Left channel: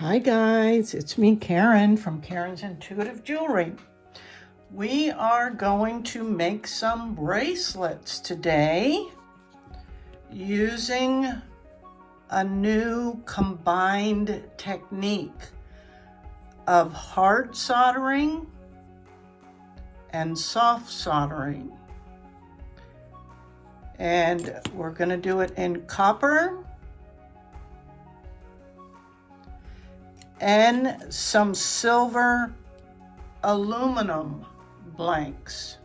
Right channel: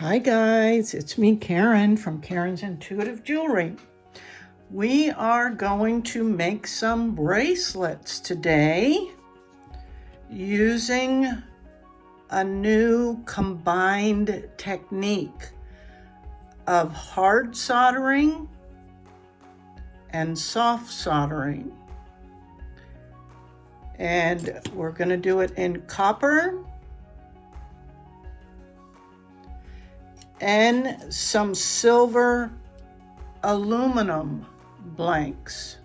Hi guys, it's me Karen from Karen's Intuitive Jewelry. We are going to make some bracelets today using a new combined technique of hard soldering and soft soldering. And we're going to do it in copper and some silver aluminum blanks.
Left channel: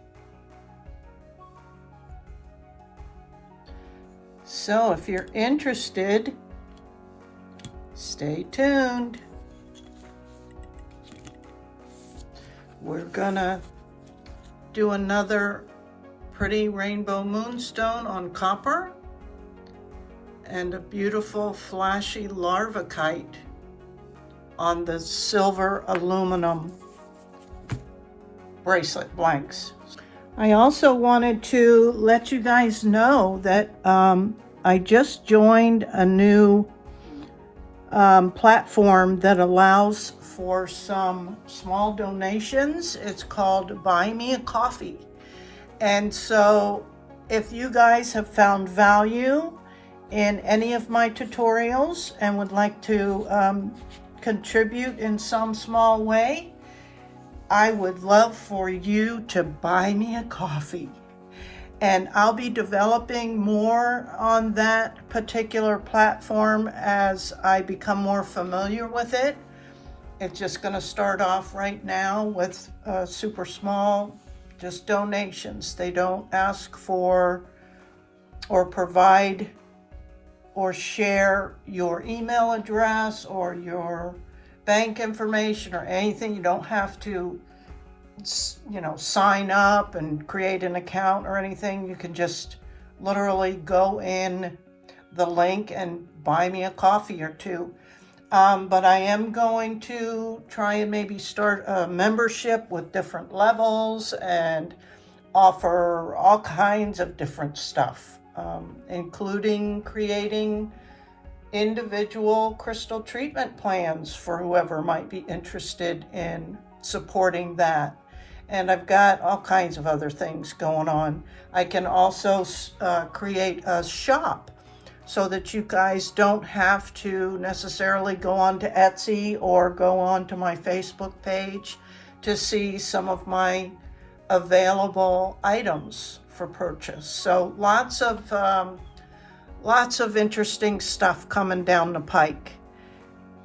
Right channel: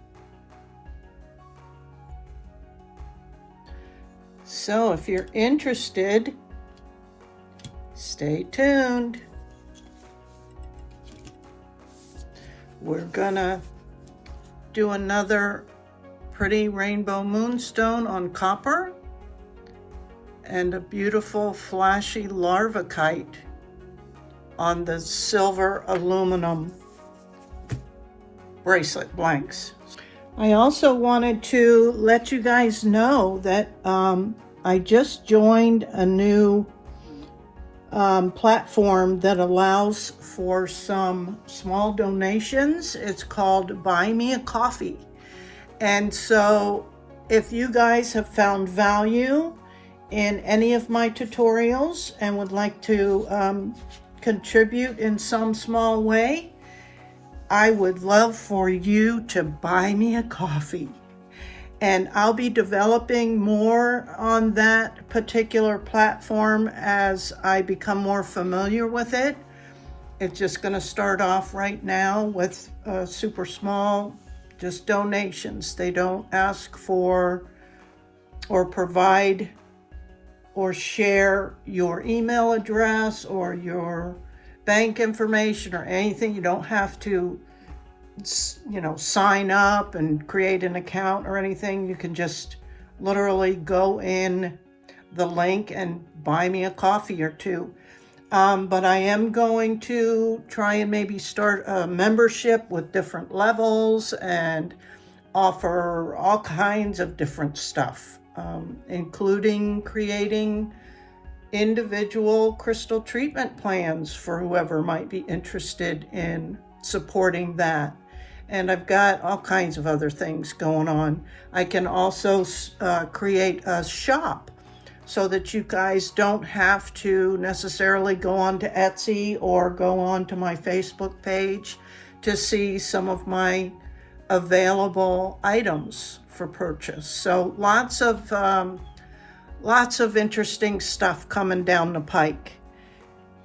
So if you're interested, stay tuned. We're gonna do another pretty rainbow moonstone on copper and a beautiful flashy larva kite on the silver aluminum bracelet blanks. I also wanted to let you guys know that I just joined a new platform that allows for some small donations. It's called Buy Me a Coffee. And so if you guys have found value in any of my tutorials and would like to contribute in some small way, I would love for you to buy me a coffee. And I'll be developing more on that particular platform as I become more familiar with it. It's just going to start off right now with super small, just donations. They don't ask for or provide or share your email address or your bank information or anything. You don't have to, sign up and create an account or anything. You can just literally go in the link and buy me a coffee or two. But I am going to try and maybe start a membership with different levels and offer all kinds of different stuff. Including creating individual crystal treatment plans for whoever might be interested in supporting that. And I've got all kinds of other things going on. I can also create a shop so that you guys don't have to necessarily go on to Etsy or go on to my Facebook page to see some of my available items for purchase. So lots of interesting stuff coming down the pike,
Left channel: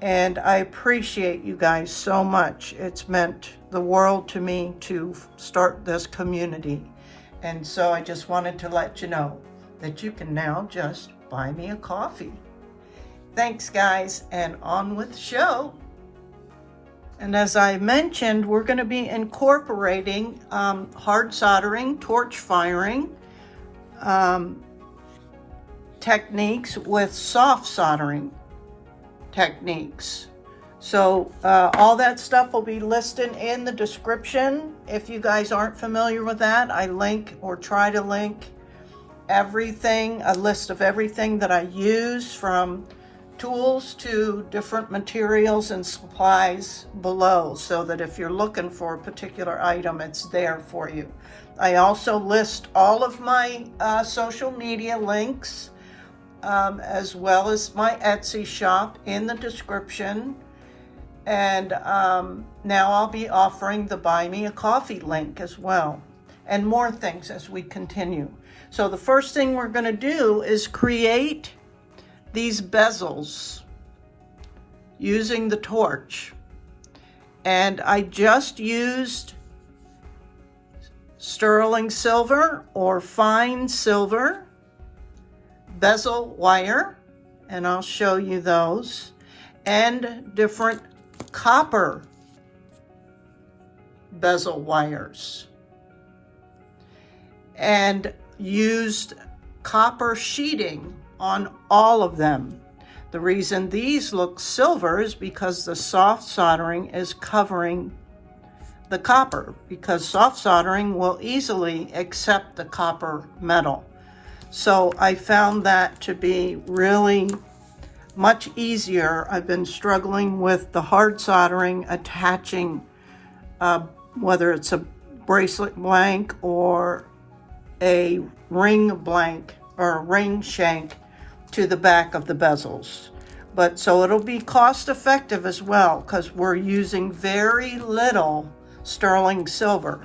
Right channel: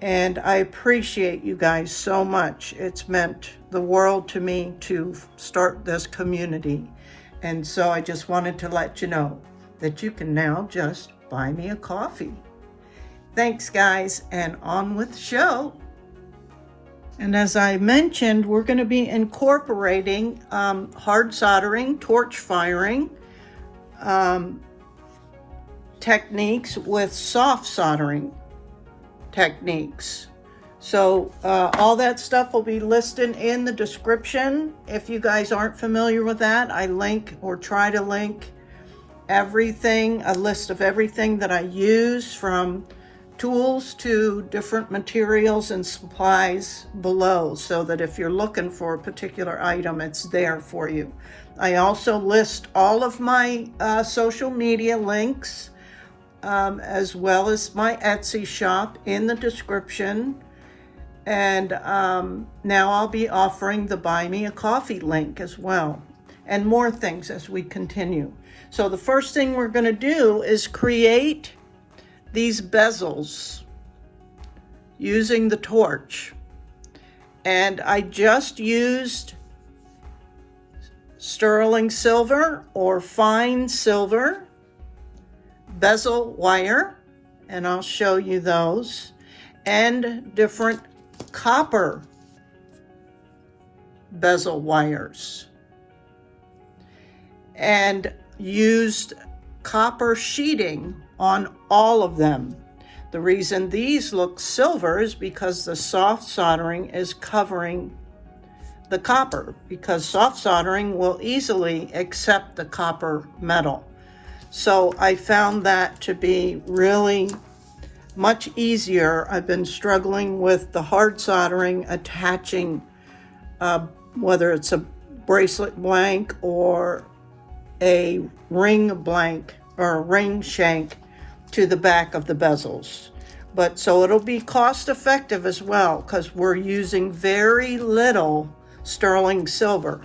and I appreciate you guys so much. It's meant the world to me to start this community, and so I just wanted to let you know that you can now just buy me a coffee. Thanks guys, and on with the show. And as I mentioned, we're going to be incorporating hard soldering, torch firing techniques with soft soldering techniques. So all that stuff will be listed in the description. If you guys aren't familiar with that, I link or try to link everything, a list of everything that I use, from tools to different materials and supplies below, so that if you're looking for a particular item, it's there for you. I also list all of my social media links, as well as my Etsy shop in the description. And now I'll be offering the Buy Me a Coffee link as well, and more things as we continue. So the first thing we're going to do is create these bezels using the torch. And I just used sterling silver or fine silver bezel wire, and I'll show you those, and different copper bezel wires, and used copper sheeting on all of them. The reason these look silver is because the soft soldering is covering the copper, because soft soldering will easily accept the copper metal. So I found that to be really much easier. I've been struggling with the hard soldering, attaching whether it's a bracelet blank or a ring blank or a ring shank to the back of the bezels. But so it'll be cost effective as well, because we're using very little sterling silver.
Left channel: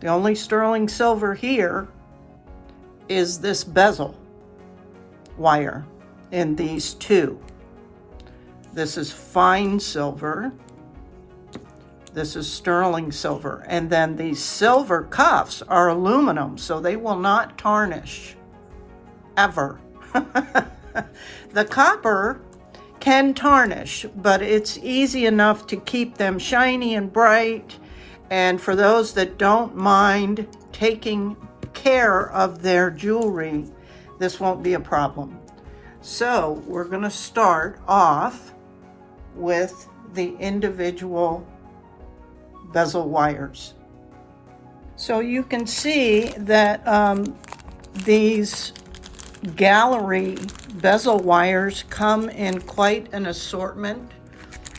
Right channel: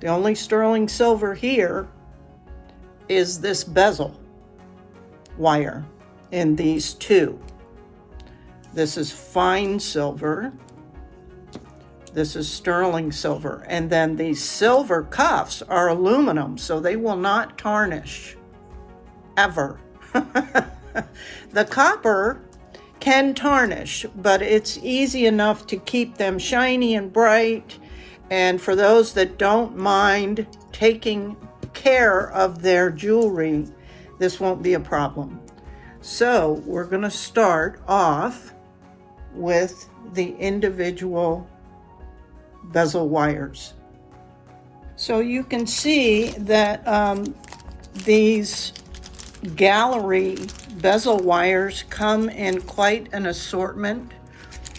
The only sterling silver here is this bezel wire in these two. This is fine silver. This is sterling silver. And then these silver cuffs are aluminum, so they will not tarnish, ever. The copper can tarnish, but it's easy enough to keep them shiny and bright. And for those that don't mind taking care of their jewelry, this won't be a problem. So we're going to start off with the individual bezel wires. So you can see that these gallery bezel wires come in quite an assortment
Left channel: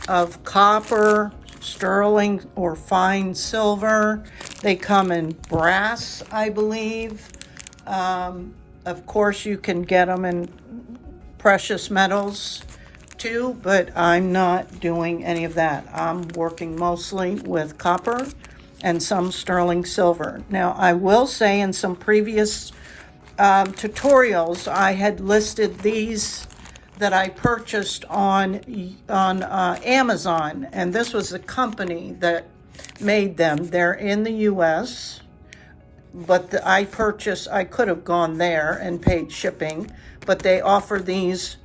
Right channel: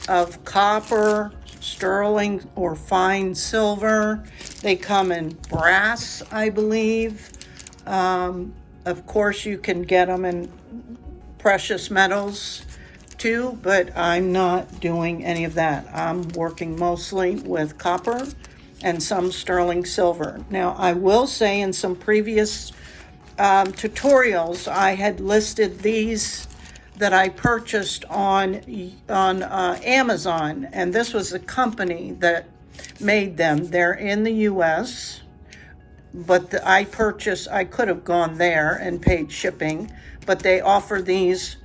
of copper, sterling, or fine silver. They come in brass, I believe. Of course, you can get them in precious metals too, but I'm not doing any of that. I'm working mostly with copper and some sterling silver. Now, I will say in some previous tutorials, I had listed these that I purchased on Amazon, and this was a company that made them. They're in the US, but I could have gone there and paid shipping, but they offer these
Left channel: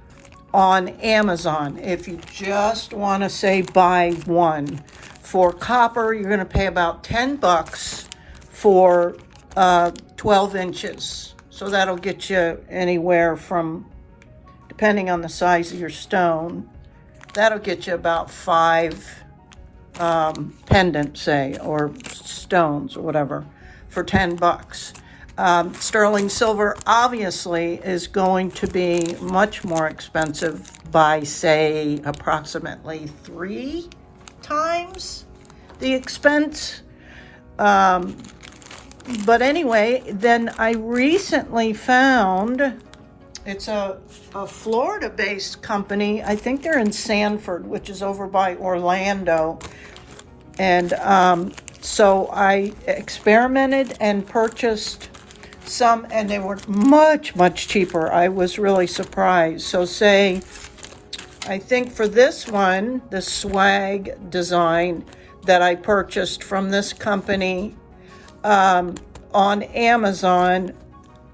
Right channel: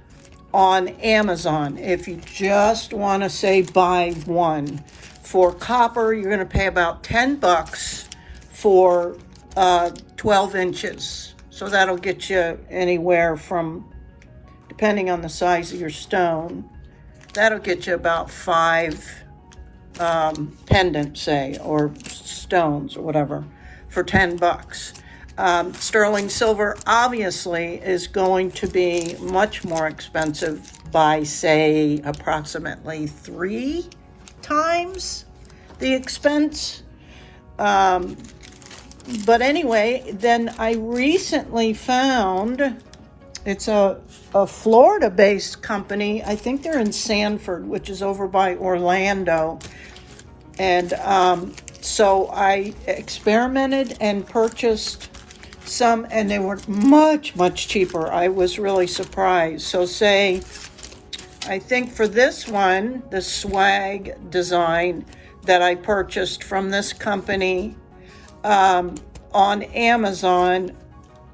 on Amazon if you just want to say buy one. For copper, you're going to pay about 10 bucks for 12 inches. So that'll get you anywhere from, depending on the size of your stone, that'll get you about 5 pendants, say, or stones or whatever, for 10 bucks. Sterling silver obviously is going to be much more expensive by, say, approximately 3 times the expense. But anyway, then I recently found, it's a Florida-based company. I think they're in Sanford, which is over by Orlando. And so I experimented and purchased some, and they were much, much cheaper. I was really surprised. So say, I think for this one, the swag design that I purchased from this company on Amazon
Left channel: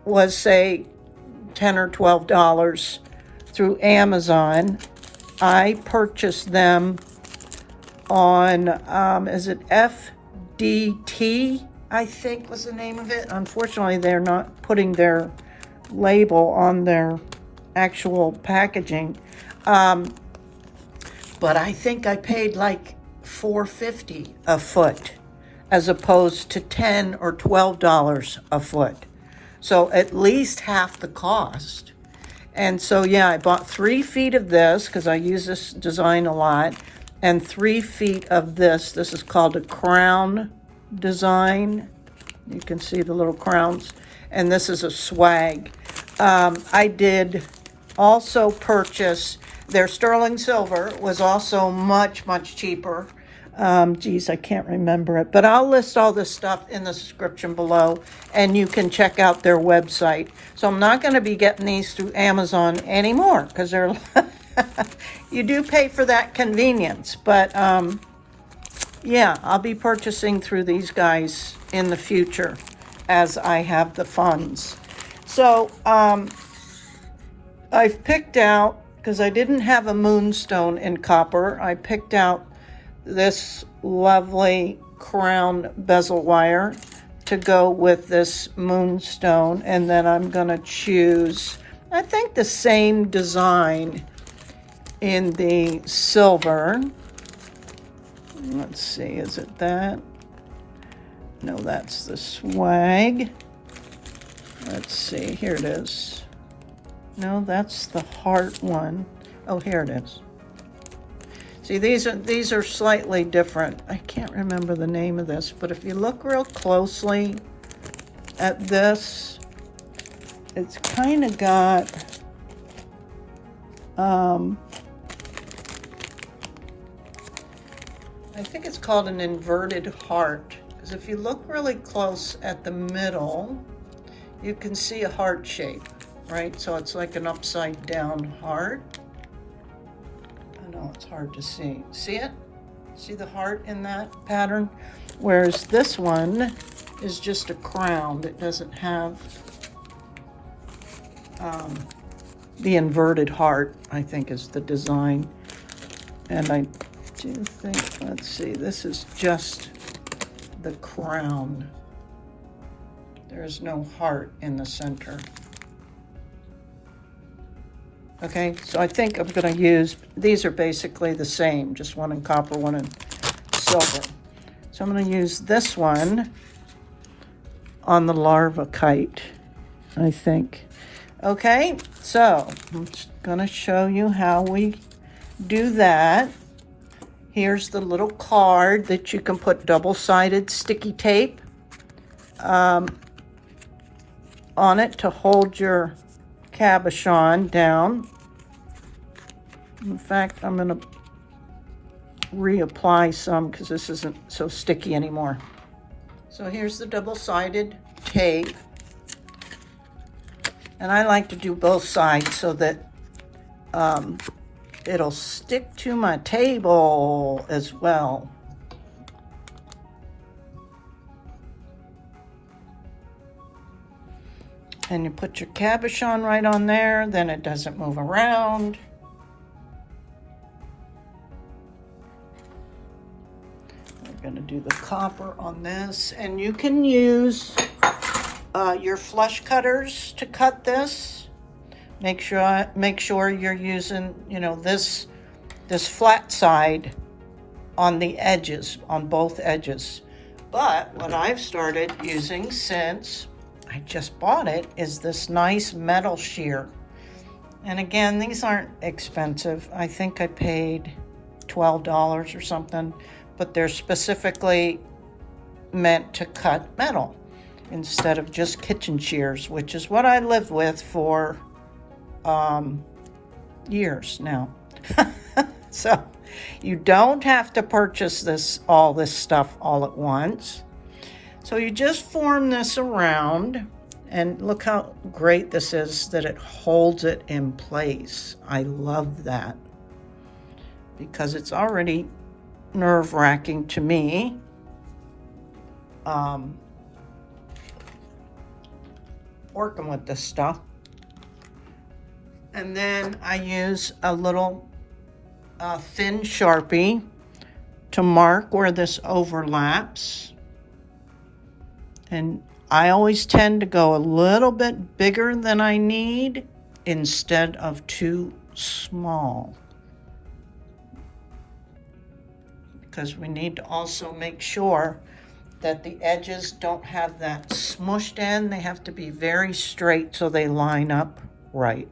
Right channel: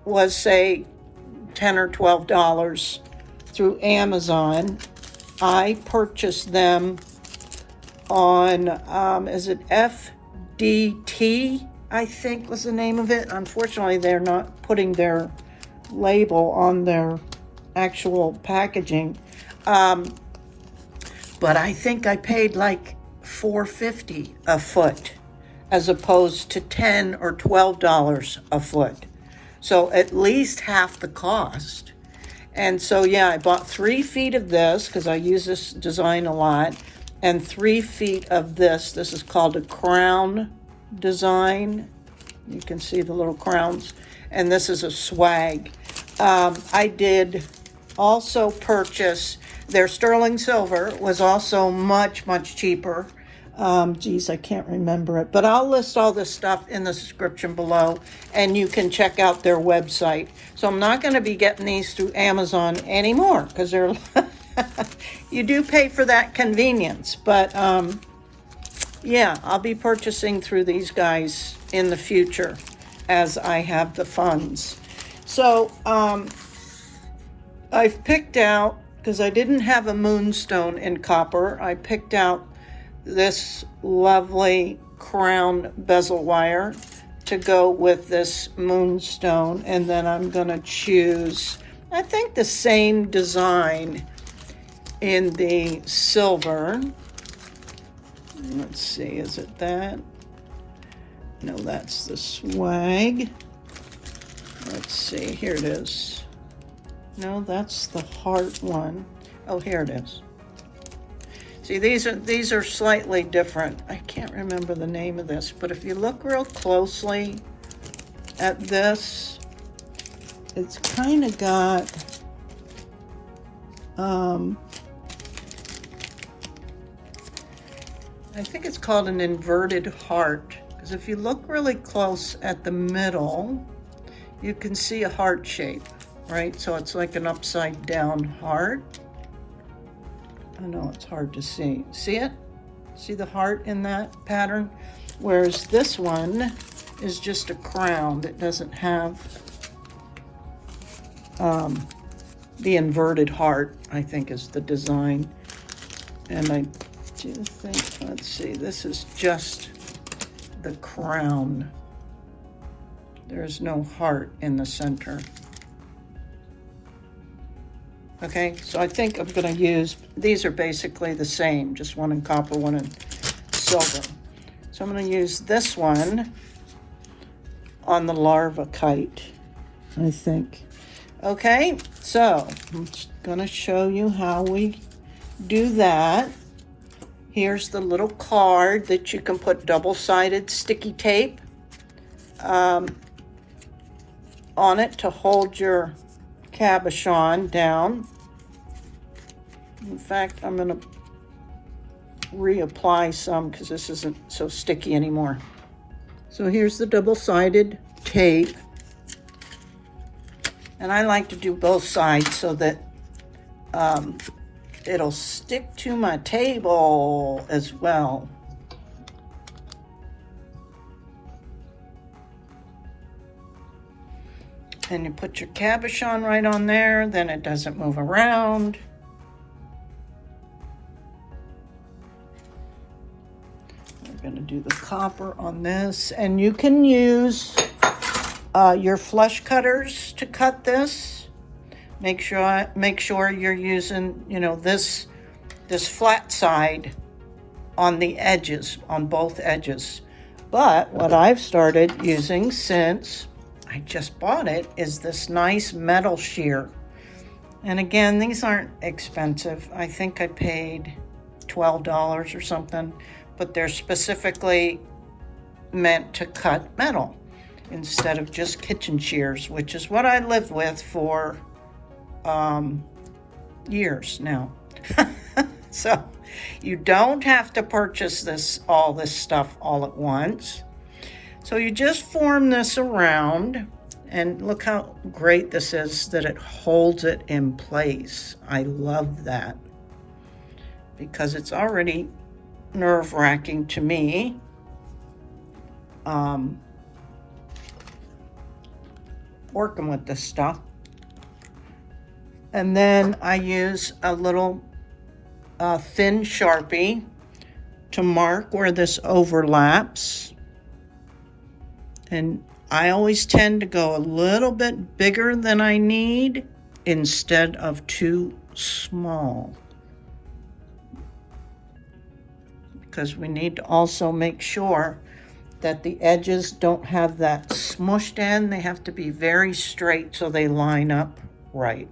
was, say, $10 or $12 through Amazon. I purchased them on, is it FDT, I think was the name of it. Unfortunately, they're not putting their label on their actual packaging. But I think I paid like $4.50 a foot as opposed to $10 or $12 a foot. So at least half the cost. And so, yeah, I bought 3 feet of this because I use this design a lot, and 3 feet of this. This is called a crown design. You can see the little crowns. And this is a swag. I did also purchase their sterling silver, was also much, much cheaper. Geez, I can't remember it, but I'll list all this stuff in the description below, and you can check out their website. So I'm not going to be getting these through Amazon anymore because they're you do pay for that convenience, but yeah, I'll be purchasing through these guys in the future as I have the funds. So I've picked out, because I didn't have a moonstone in copper, I picked out this lovely crown bezel wire to go with this moonstone, and then I'm going to choose, I think, the same design in the silver. Let's see, is it that? No, that's the swag. Let's see, here it is. No, that's the heart one. Oh, here it is. See, these are slightly different. I can't remember the name of this, but if you look real closely at this, it's kind of got I think it's called an inverted heart, because if you look really close at the middle, you can see a heart shape, right? So it's like an upside down heart. I know it's hard to see. See it? See the heart in that pattern? Whereas this one is just a crown. It doesn't have the inverted heart, I think is the design. And I do think, let's see, this is just the crown. There's no heart in the center. Okay, so I think I'm gonna use, these are basically the same, just one in copper, one in silver. So I'm gonna use this one on the larva kite, I think. Okay, so I'm just gonna show you how we do that. Here's the little card that you can put double-sided sticky tape on it to hold your cabochon down. In fact, I'm gonna reapply some because this isn't so sticky anymore. So here's the double-sided tape. And I like to do both sides so that it'll stick to my table as well. And you put your cabochon right on there, then it doesn't move around. We're gonna do the copper on this, and you can use your flush cutters to cut this. Make sure you're using, you know, this flat side on the edges, on both edges. But what I've started using since I just bought it is this nice metal shear. And again, these aren't expensive. I think I paid $12 or something, but they're specifically meant to cut metal instead of just kitchen shears, which is what I lived with for years now. So you don't have to purchase all this stuff all at once. So you just form this around, and look how great this is that it holds it in place. I love that because it's already nerve-wracking to me. Working with this stuff. And then I use a little thin Sharpie to mark where this overlaps. And I always tend to go a little bit bigger than I need instead of too small, because we need to also make sure that the edges don't have that smushed end. They have to be very straight so they line up right.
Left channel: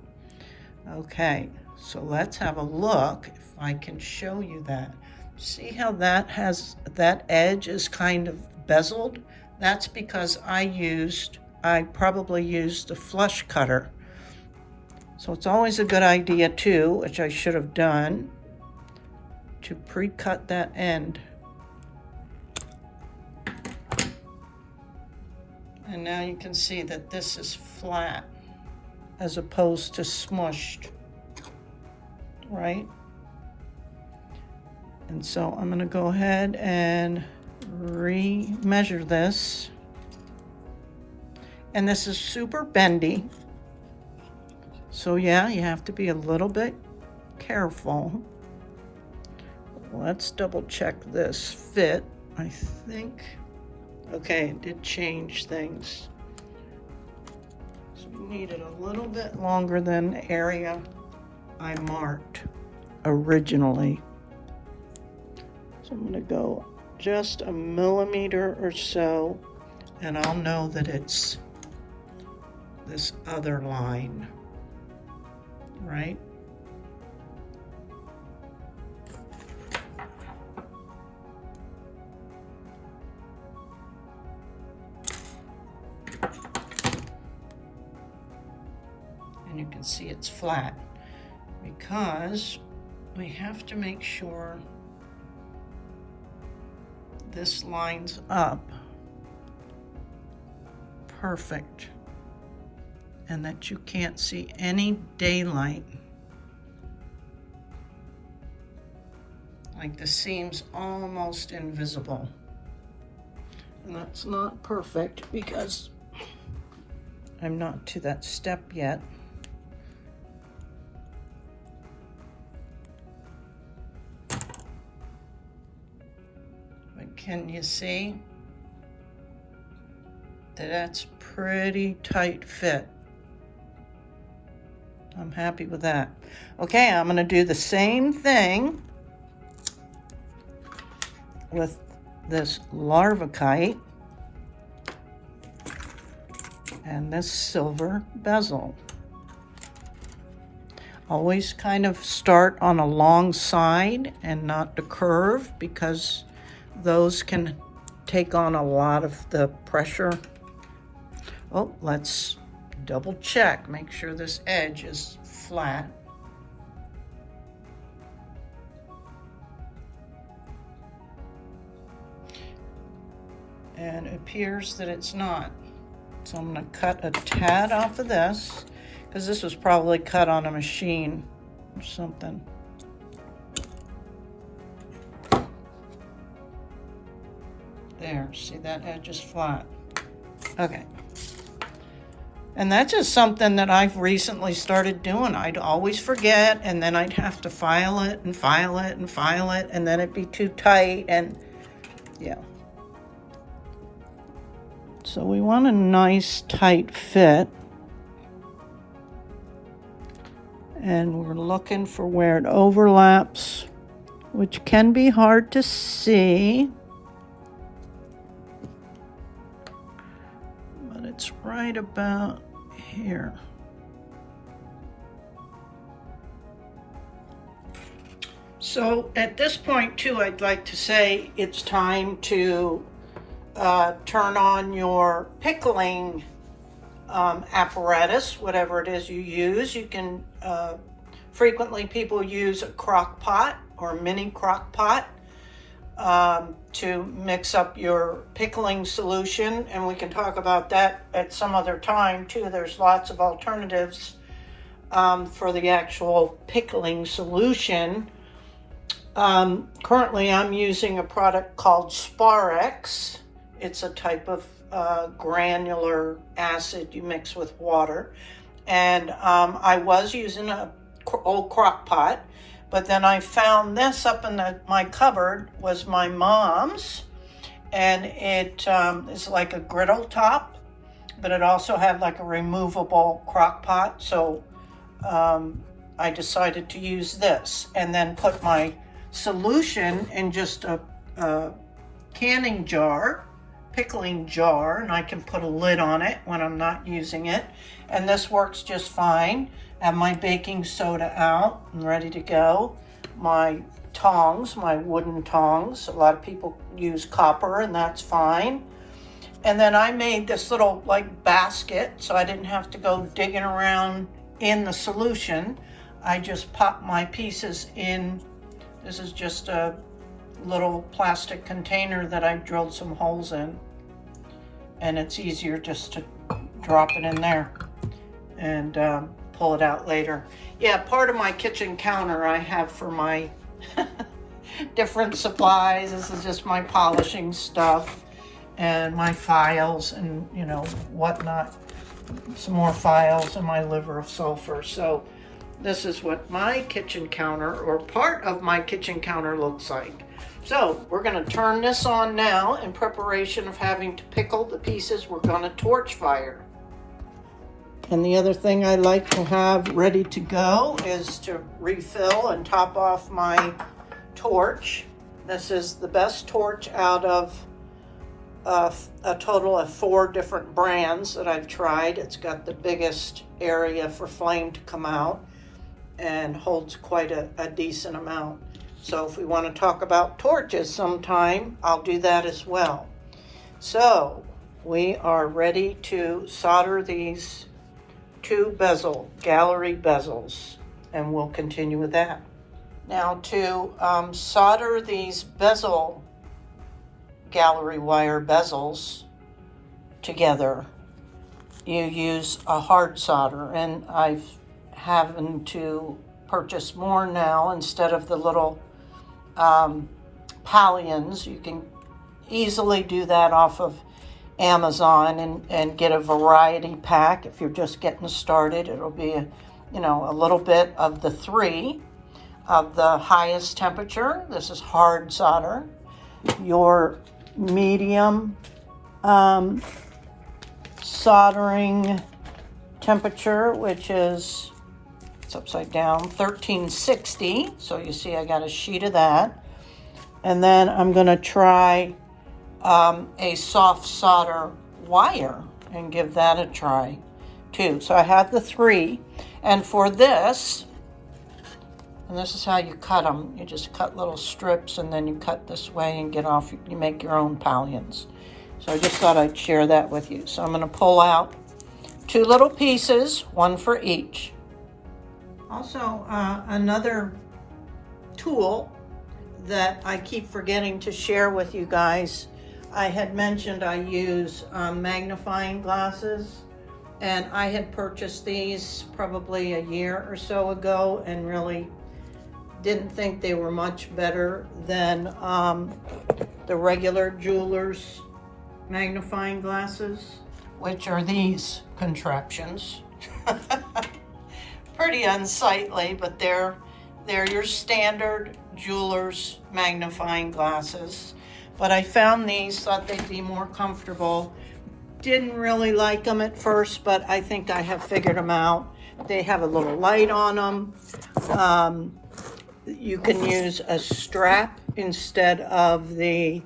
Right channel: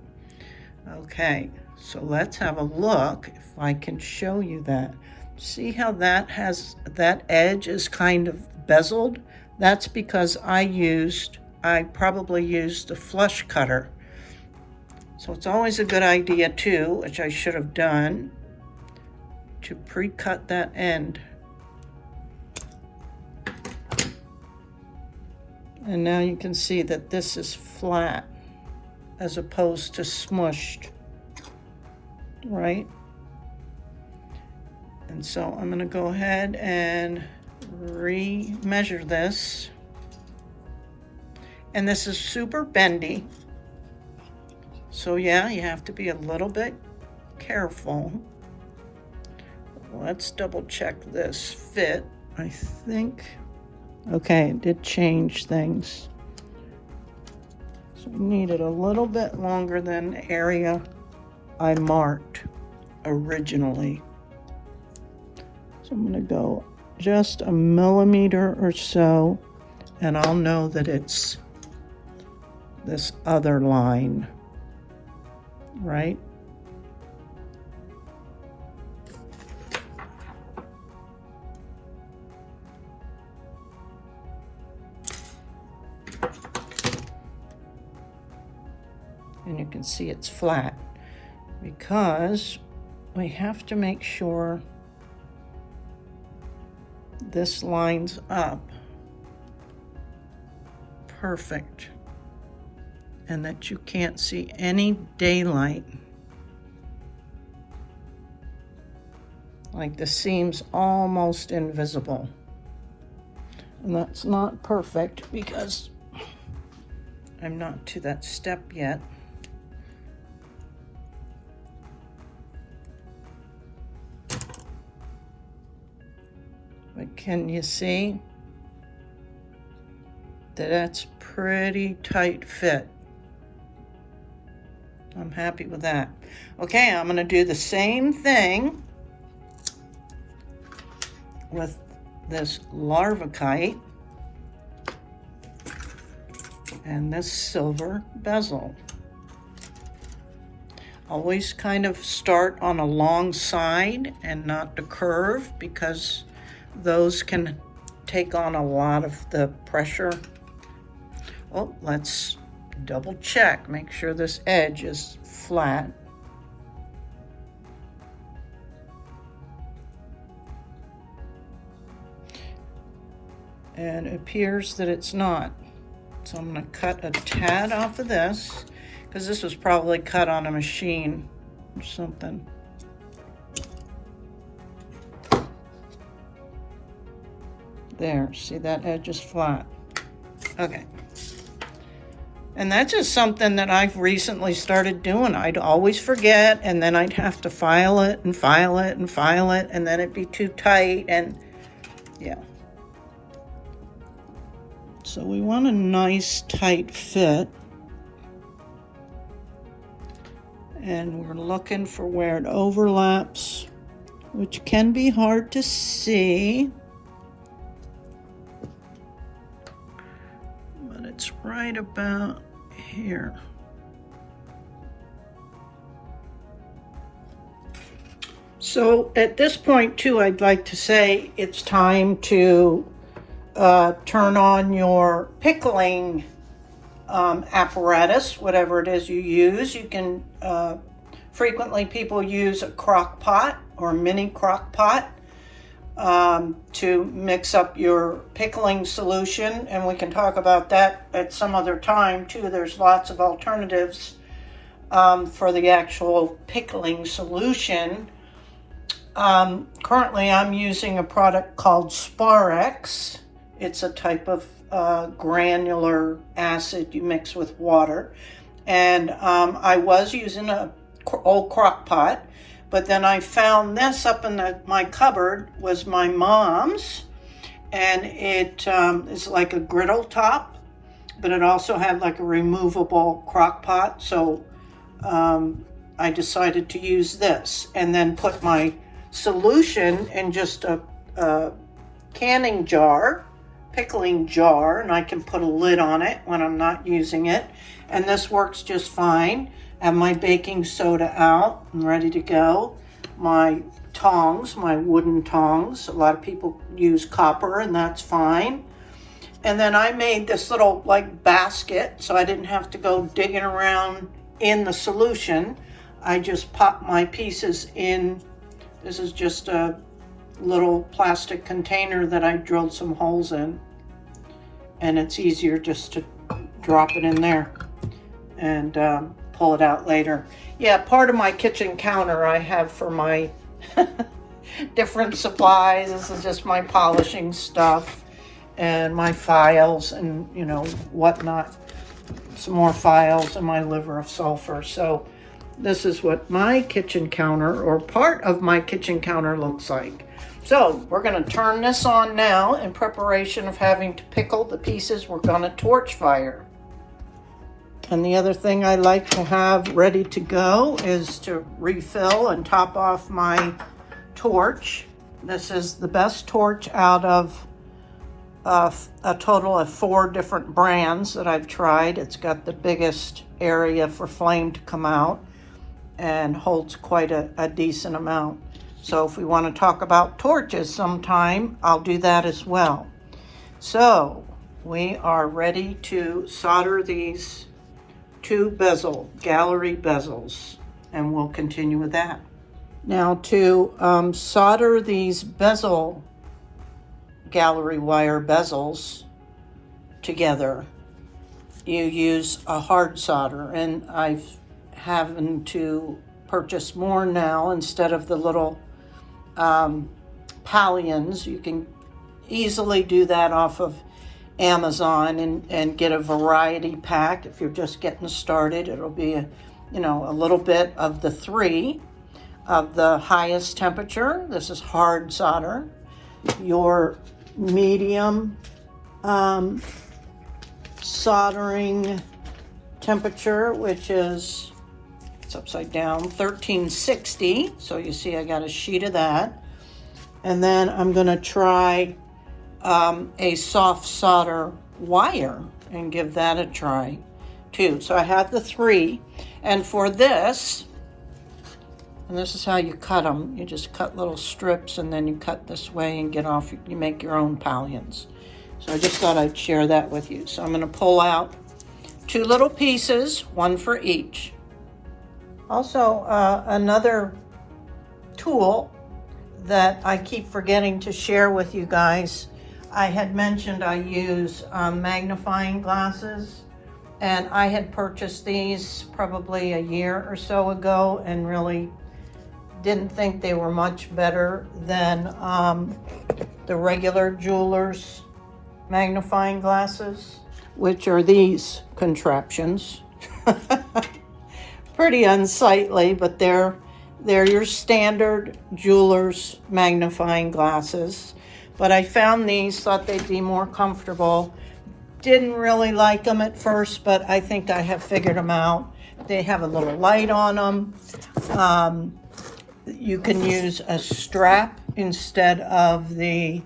Okay, so let's have a look if I can show you that. See how that edge is kind of bezeled? That's because I probably used the flush cutter. So it's always a good idea too, which I should have done, to pre-cut that end. And now you can see that this is flat as opposed to smushed, right? And so I'm gonna go ahead and re-measure this. And this is super bendy. So yeah, you have to be a little bit careful. Let's double check this fit. I think, okay, it did change things. So we need it a little bit longer than the area I marked originally. So I'm gonna go just a millimeter or so, and I'll know that it's this other line, right? And you can see it's flat because we have to make sure this lines up perfect and that you can't see any daylight. Like the seam's almost invisible. And that's not perfect because I'm not to that step yet. But can you see that that's pretty tight fit? I'm happy with that. Okay, I'm gonna do the same thing with this larvacite and this silver bezel. Always kind of start on a long side and not the curve because those can take on a lot of the pressure. Oh, let's double check, make sure this edge is flat. And it appears that it's not. So I'm gonna cut a tad off of this because this was probably cut on a machine or something. There, see that edge is flat. Okay. And that's just something that I've recently started doing. I'd always forget, and then I'd have to file it and file it and file it, and then it'd be too tight, and yeah. So we want a nice tight fit. And we're looking for where it overlaps, which can be hard to see. But it's right about here. So at this point too, I'd like to say it's time to turn on your pickling apparatus, whatever it is you use. You can, frequently people use a crock pot or mini crock pot to mix up your pickling solution, and we can talk about that at some other time too. There's lots of alternatives for the actual pickling solution. Currently I'm using a product called Sparex. It's a type of granular acid you mix with water, and I was using an old crock pot, but then I found this up in my cupboard, was my mom's, and it is like a griddle top, but it also had like a removable crock pot, so I decided to use this and then put my solution in just a canning jar, pickling jar, and I can put a lid on it when I'm not using it, and this works just fine. I have my baking soda out, I'm ready to go. My tongs, my wooden tongs, a lot of people use copper and that's fine. And then I made this little like basket so I didn't have to go digging around in the solution. I just pop my pieces in. This is just a little plastic container that I drilled some holes in, and it's easier just to drop it in there and pull it out later. Yeah, part of my kitchen counter I have for my different supplies. This is just my polishing stuff and my files and, you know, whatnot. Some more files and my liver of sulfur. So this is what my kitchen counter, or part of my kitchen counter, looks like. So we're going to turn this on now in preparation of having to pickle the pieces we're going to torch fire. And the other thing I like to have ready to go is to refill and top off my torch. This is the best torch out of a total of 4 different brands that I've tried. It's got the biggest area for flame to come out and holds quite a decent amount. So if we want to talk about torches sometime, I'll do that as well. So we are ready to solder these 2 bezel, gallery bezels, and we'll continue with that. Now to solder these bezel, gallery wire bezels together, you use a hard solder, and I've having to purchase more now instead of the little pallions. You can easily do that off of Amazon and get a variety pack. If you're just getting started, it'll be a little bit of the 3 of the highest temperature. This is hard solder. Your medium soldering temperature, which is, it's upside down, 1360. So you see I got a sheet of that. And then I'm gonna try a soft solder wire and give that a try too. So I have the 3. And for this, and this is how you cut them. You just cut little strips and then you cut this way and get off, you make your own pallions. So I just thought I'd share that with you. So I'm gonna pull out 2 little pieces, 1 for each. Also, another tool that I keep forgetting to share with you guys. I had mentioned I use magnifying glasses, and I had purchased these probably a year or so ago and really didn't think they were much better than the regular jeweler's magnifying glasses, which are these contraptions. Pretty unsightly, but they're your standard jeweler's magnifying glasses. But I found these, thought they'd be more comfortable. Didn't really like them at first, but I think I have figured them out. They have a little light on them. You can use a strap instead of the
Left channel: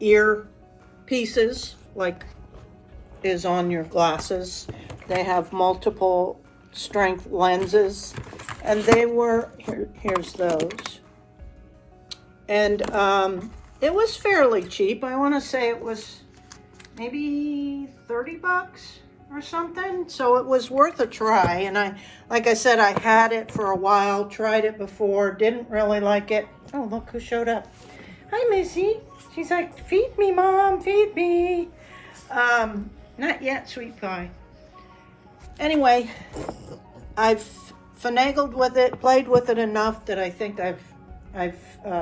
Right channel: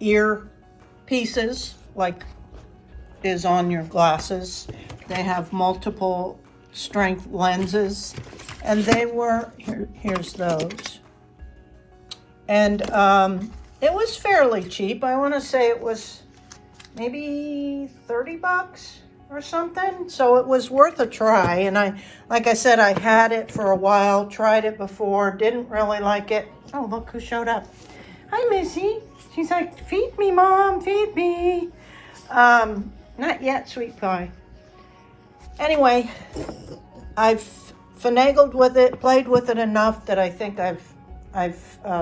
ear pieces like is on your glasses. They have multiple strength lenses, and they were, here's those. And it was fairly cheap. I want to say it was maybe 30 bucks or something. So it was worth a try. And like I said, I had it for a while, tried it before, didn't really like it. Oh, look who showed up. Hi, Missy. She's like, feed me, Mom, feed me. Not yet, sweet pie. Anyway, I've finagled with it, played with it enough that I think I've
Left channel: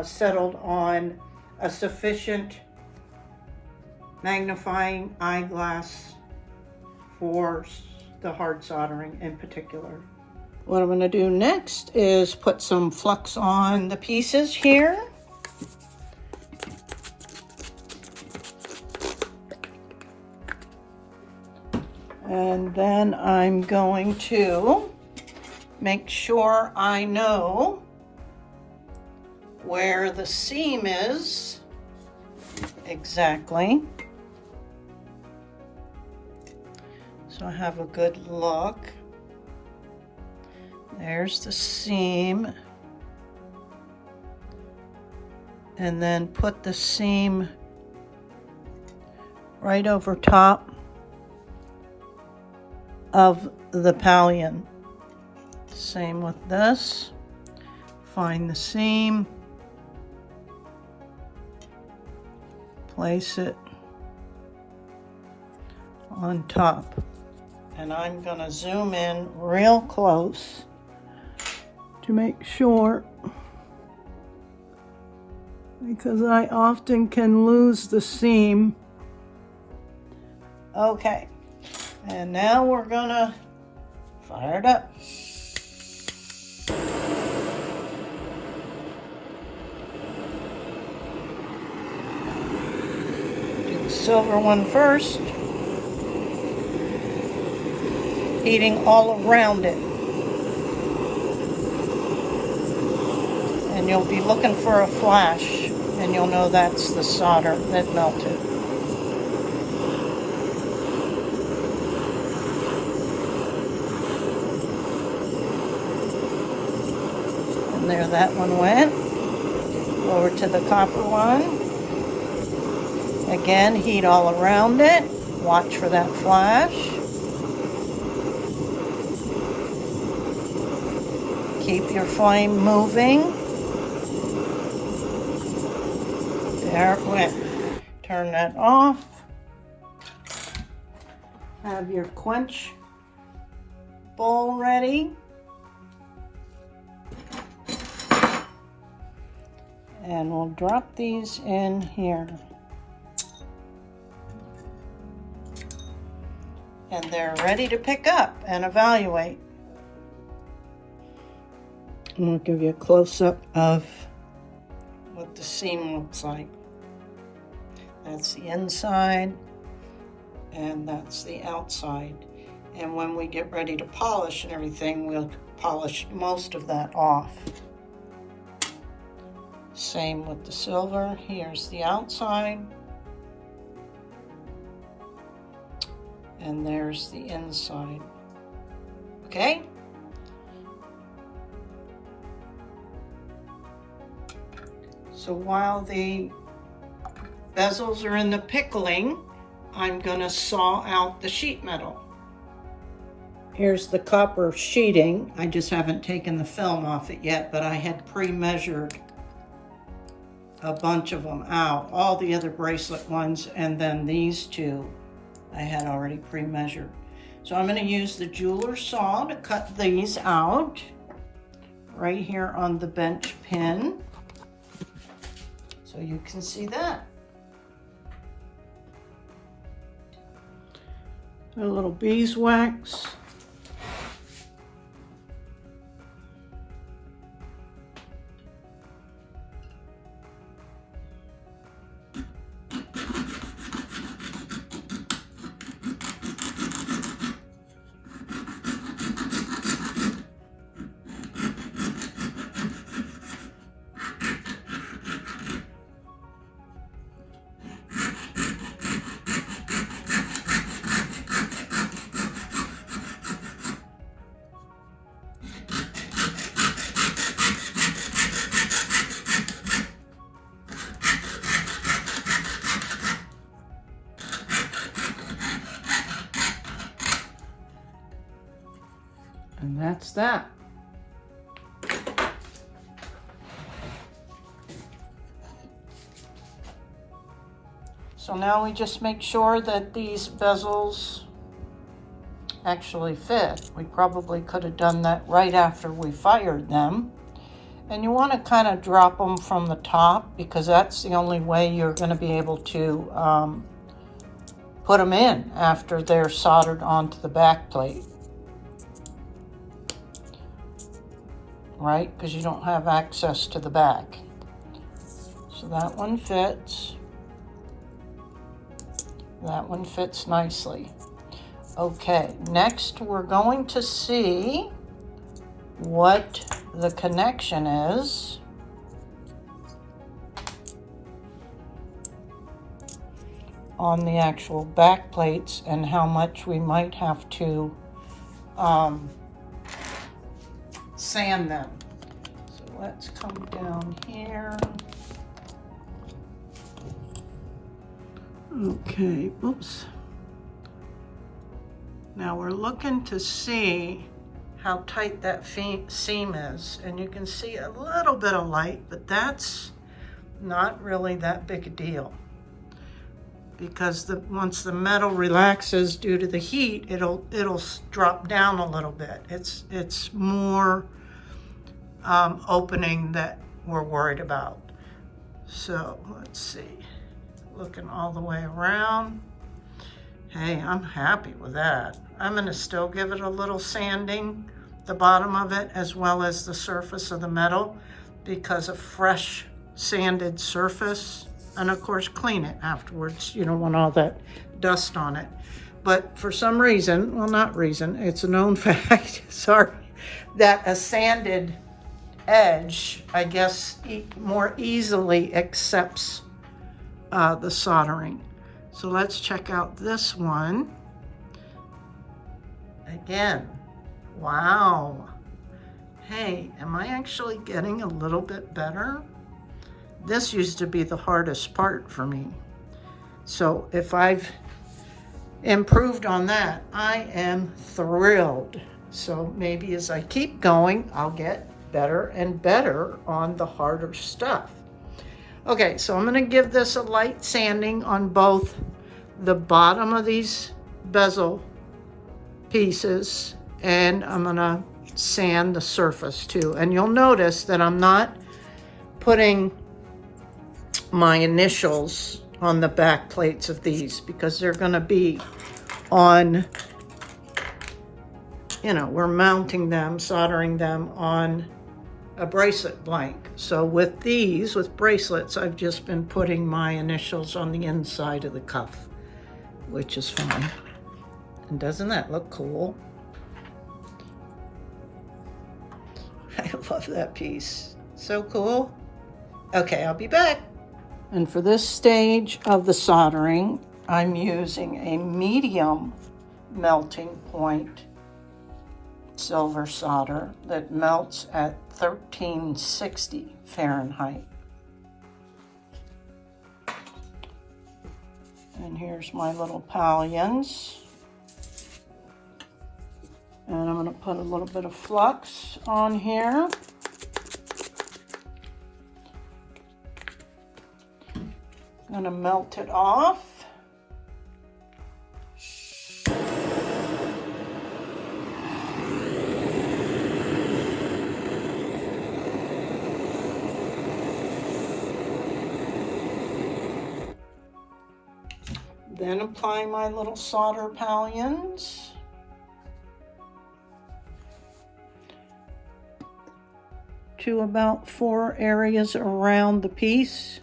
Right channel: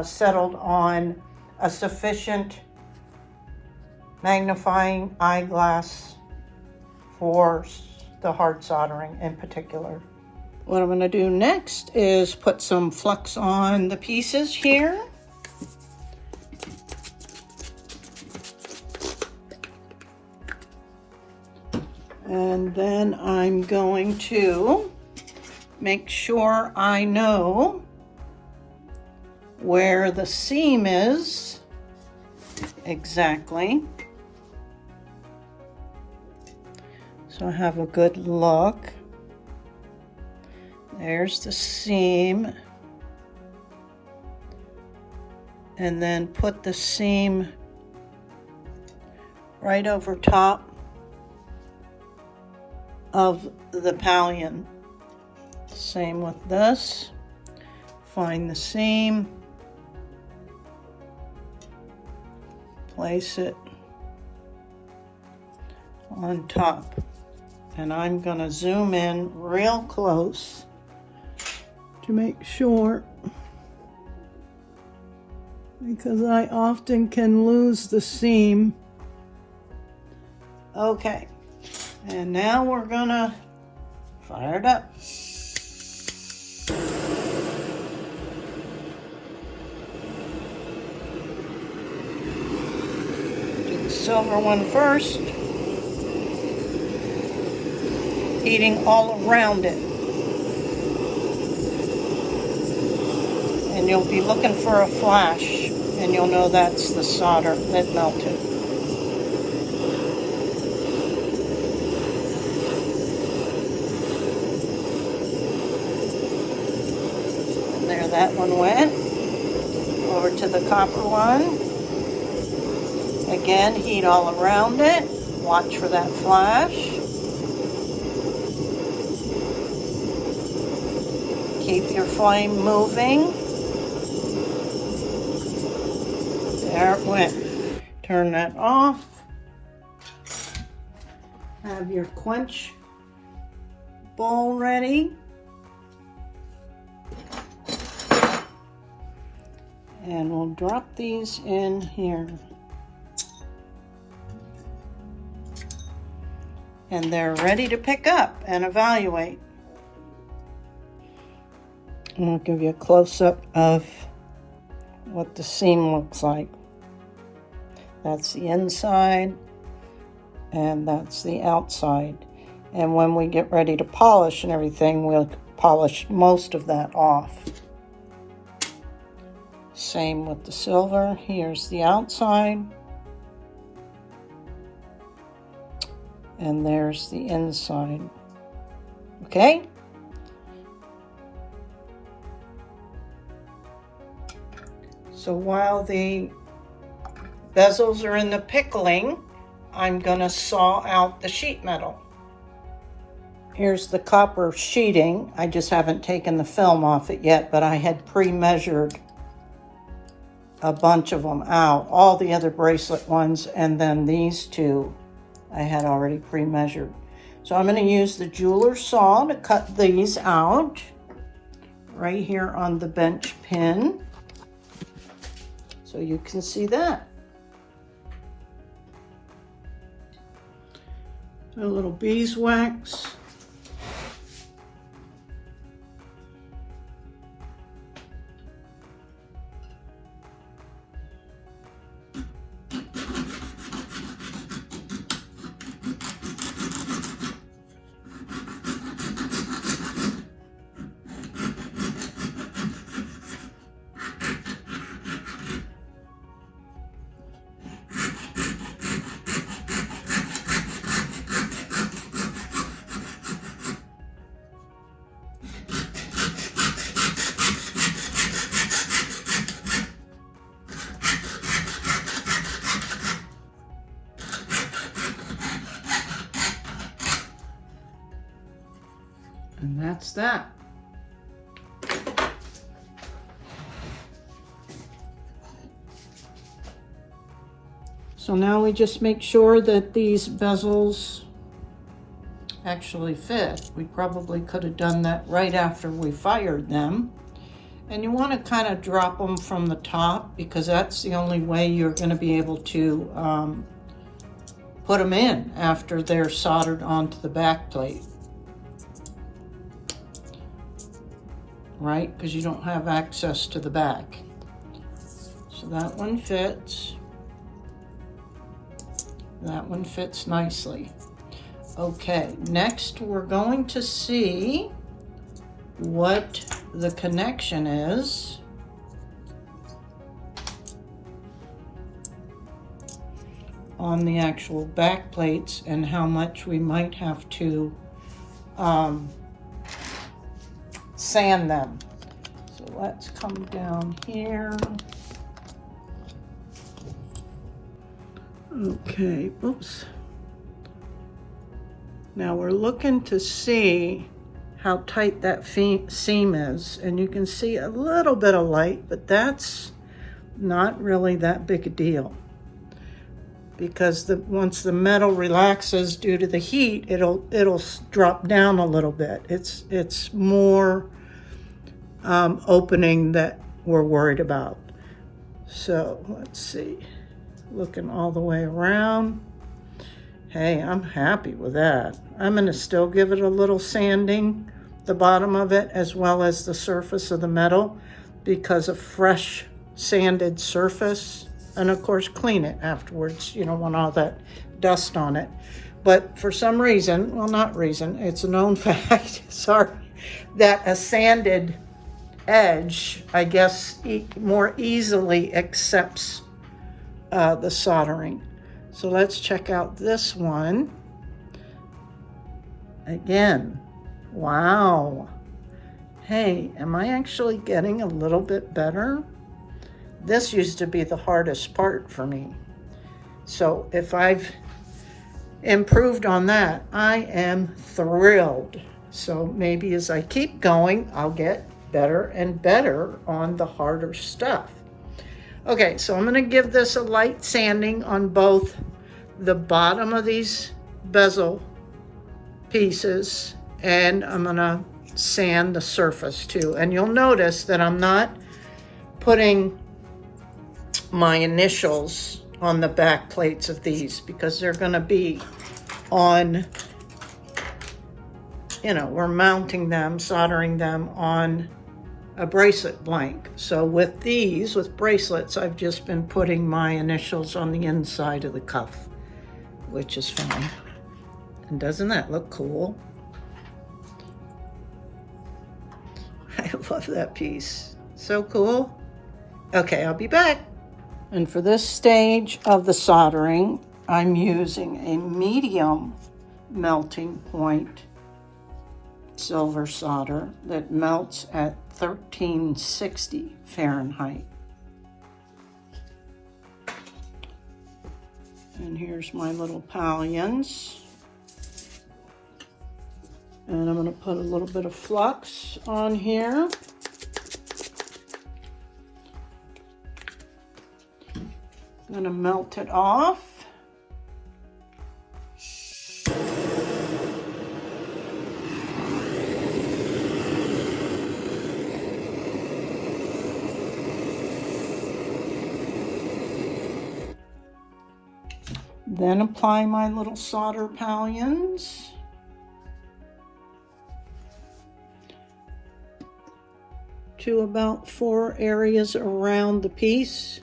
settled on a sufficient magnifying eyeglass for the hard soldering in particular. What I'm going to do next is put some flux on the pieces here. And then I'm going to make sure I know where the seam is exactly. So I have a good look. There's the seam. And then put the seam right over top of the pallion. Same with this. Find the seam, place it on top. And I'm gonna zoom in real close to make sure, because I often can lose the seam. Okay. And now we're gonna fire it up. Do the silver one first. Heating all around it. And you'll be looking for a flash, and you'll know that's the solder that melted. There that one went. Over to the copper one. Again, heat all around it. Watch for that flash. flame moving. There it went. Turn that off. Have your quench bowl ready. And we'll drop these in here. And they're ready to pick up and evaluate. And I'll give you a close-up of what the seam looks like. That's the inside, and that's the outside. And when we get ready to polish and everything, we'll polish most of that off. Same with the silver. Here's the outside. And there's the inside. Okay? So while the bezels are in the pickling, I'm gonna saw out the sheet metal. Here's the copper sheeting. I just haven't taken the film off it yet, but I had pre-measured a bunch of them out, all the other bracelet ones, and then these two I had already pre-measured. So I'm going to use the jeweler saw to cut these out right here on the bench pin, so you can see that. A little beeswax. And that's that. So now we just make sure that these bezels actually fit. We probably could have done that right after we fired them. And you want to kind of drop them from the top, because that's the only way you're going to be able to put them in after they're soldered onto the back plate. Right? Because you don't have access to the back. So that one fits. That one fits nicely. Okay, next we're going to see what the connection is on the actual back plates and how much we might have to sand them. So let's come down here. Okay, oops. Now we're looking to see how tight that seam is, and you can see a little bit of light, but that's not really that big a deal, because once the metal relaxes due to the heat, it'll drop down a little bit. It's more opening that we're worried about. So let's see, looking all the way around. Hey, I'm happy with that. I'm gonna still give it a little sanding, the bottom of it, as well as the surface of the metal, because a fresh sanded surface, and of course clean it afterwards, you don't want all that dust on it. But for some reason, well, not reason, it's a known fact, sorry, that a sanded edge, I guess, more easily accepts the soldering. So let's check out this one. Again, wow. Hey, am I actually getting a little bit better? This used to be the hardest part for me. So if I've improved on that, I am thrilled. So maybe as I keep going, I'll get better and better on the harder stuff. Okay, so I'm gonna give this a light sanding on both the bottom of these bezel pieces, and I'm gonna sand the surface too. And you'll notice that I'm not putting my initials on the back plates of these because they're gonna be on, you know, we're mounting them, soldering them on a bracelet blank. So with these, with bracelets, I've just been putting my initials on the inside of the cuff, which is fine. And doesn't that look cool? I love that piece. So cool. Okay, I'll be back. And for this stage of the soldering, I'm using a medium melting point silver solder that melts at 1360 Fahrenheit. And here's my little pallions. And I'm going to put a little bit of flux on here. I'm going to melt it off. Then apply my little solder pallions. To about 4 areas around the piece.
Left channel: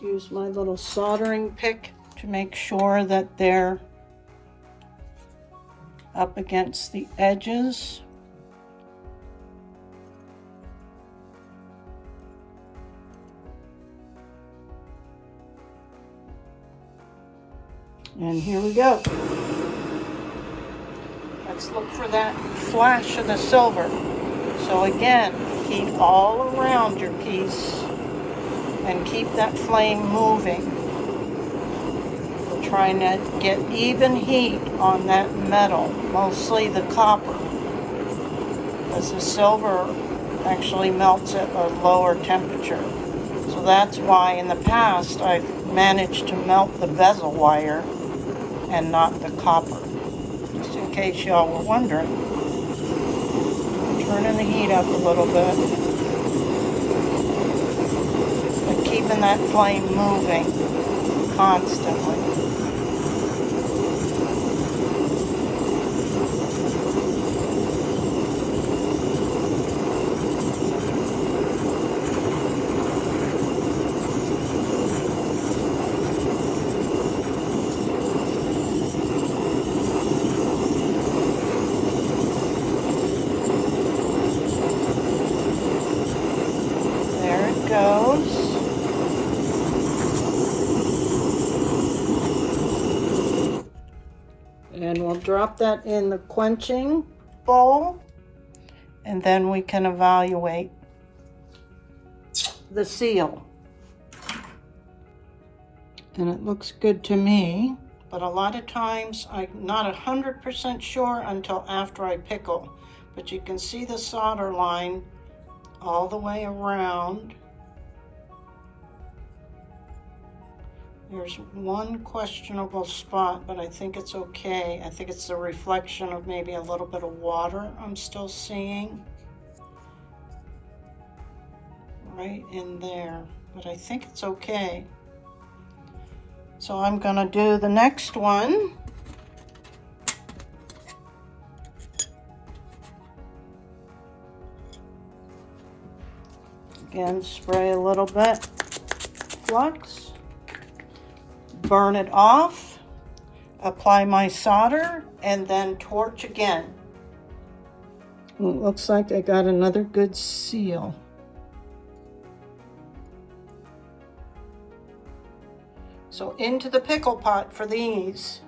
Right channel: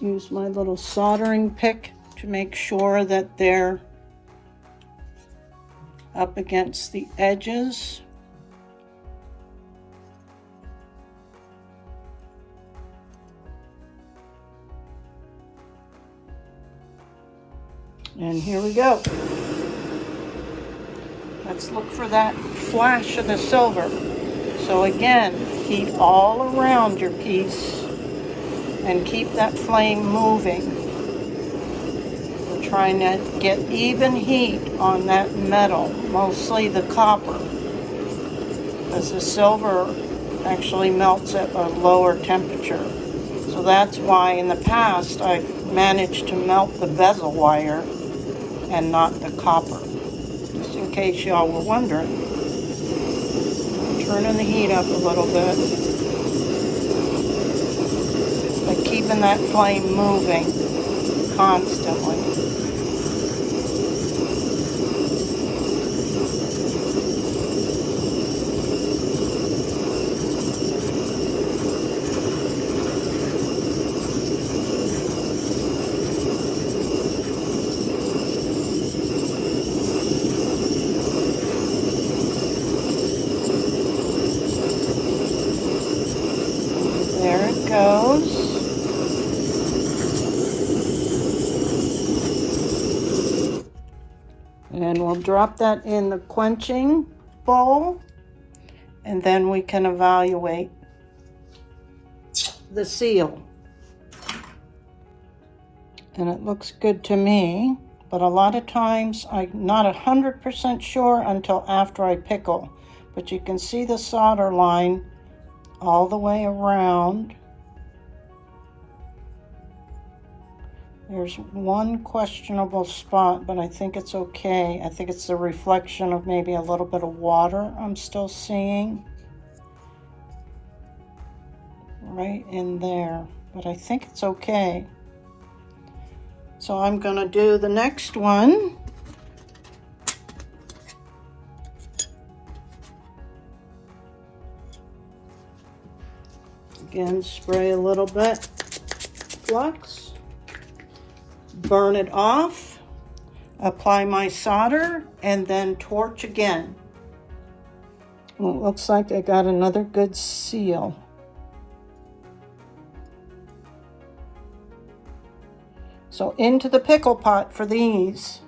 Use my little soldering pick to make sure that they're up against the edges. And here we go. Let's look for that flash of the silver. So again, heat all around your piece and keep that flame moving. We're trying to get even heat on that metal, mostly the copper, because the silver actually melts at a lower temperature. So that's why in the past I've managed to melt the bezel wire and not the copper, just in case y'all were wondering. Turning the heat up a little bit, but keeping that flame moving constantly. And we'll drop that in the quenching bowl, and then we can evaluate the seal. And it looks good to me, but a lot of times I'm not 100% sure until after I pickle. But you can see the solder line all the way around. There's one questionable spot, but I think it's okay. I think it's the reflection of maybe a little bit of water I'm still seeing. Right in there, but I think it's okay. So I'm gonna do the next one. Again, spray a little bit flux. Burn it off, apply my solder, and then torch again. Well, it looks like I got another good seal. So into the pickle pot for these.